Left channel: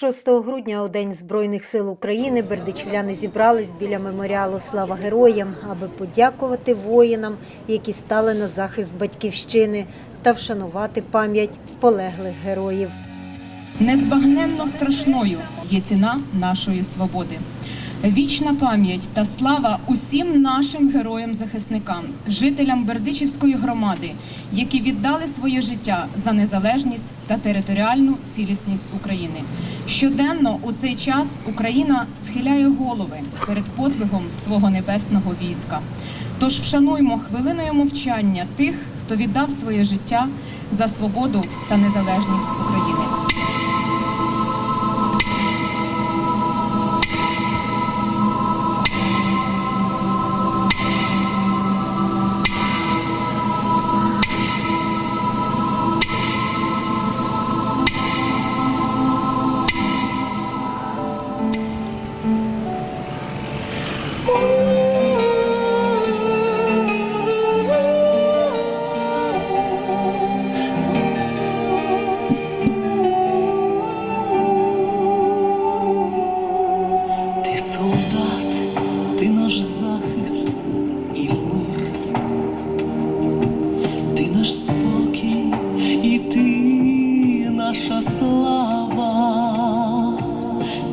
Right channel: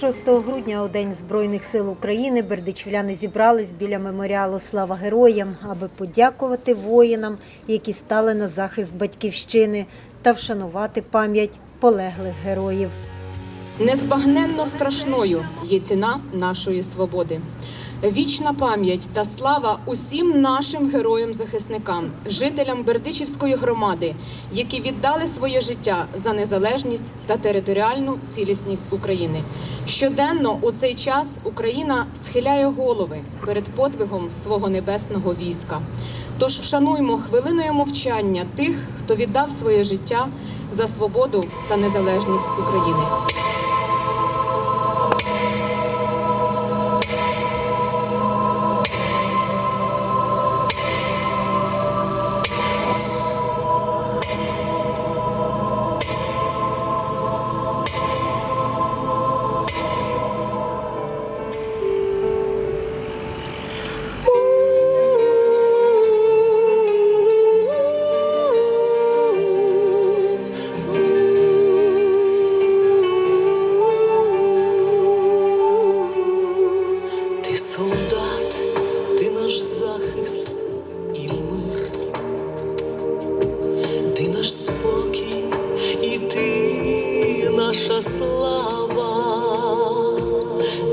6 грудня у День Збройних сил України бердичівляни зібрались біля меморіалу Слава героям, аби подякувати воїнам, які стали на захист батьківщини, та вшанувати пам'ять полеглих героїв. Незбагненно страшною є ціна нашої свободи. Вічна пам'ять та слава усім нашим героям-захисникам, жителям Бердичівської громади, які віддали своє життя за незалежність та територіальну цілісність України. Щоденно у цей час Україна схиляє голови перед подвигом свого небесного війська. Тож вшануймо хвилиною мовчання тих, хто віддав своє життя за свободу та незалежність України. Наш захист і мир, ти наш спокій, і ти наша слава,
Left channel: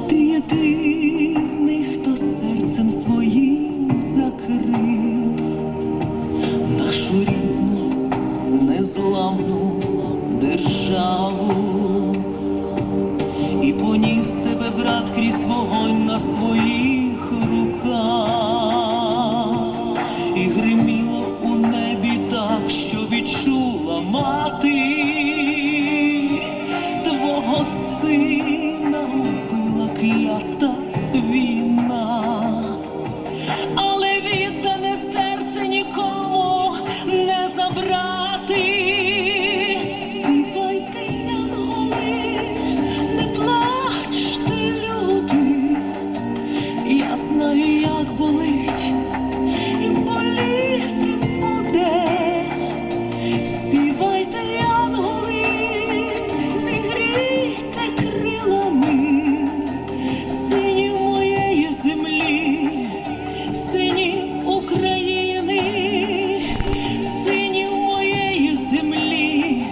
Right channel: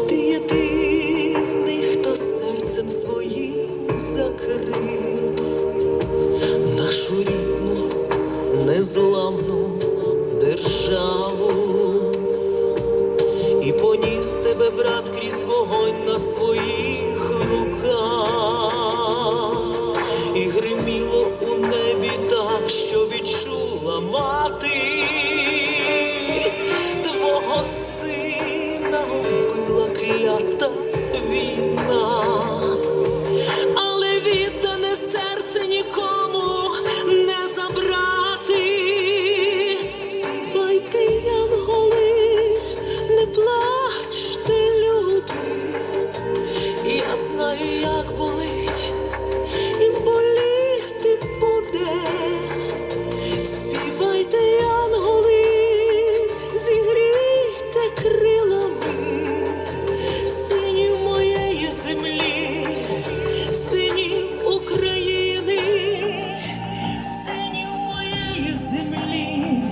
ти єдиний, хто серцем своїм закрив нашу рідну, незламну державу. І поніс тебе, брат, крізь вогонь на своїх руках, сина вбила клята війна, землі, синів України, синів моєї землі,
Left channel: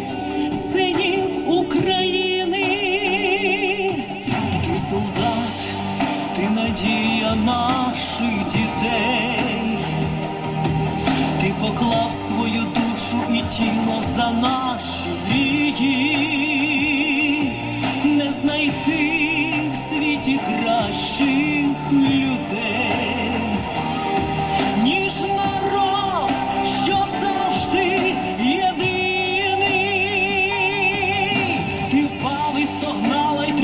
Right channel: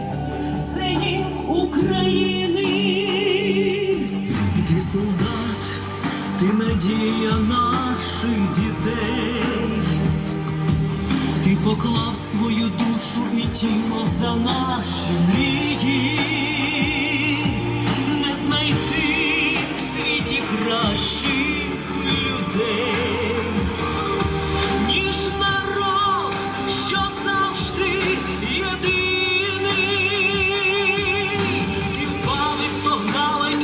синів України. Ти солдат, ти надія наших дітей, ти поклав свою душу і тіло за наші мрії, не знайти в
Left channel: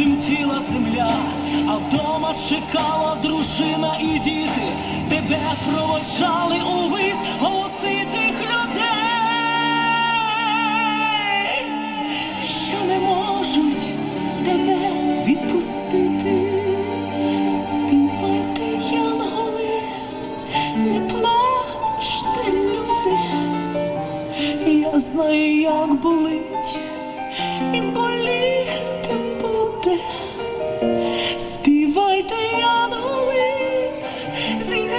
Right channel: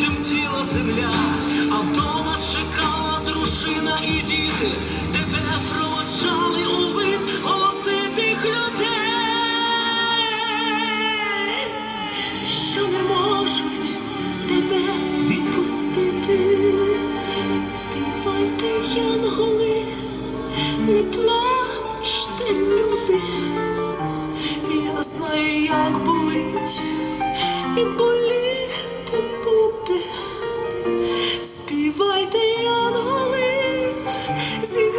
тремтіла земля, а вдома чекала дружина і діти, тебе проводжали увесь голоси тих людей, що не можуть тебе відпустити, співати янголи, не плачте люди, я знаю, як болить і болить. See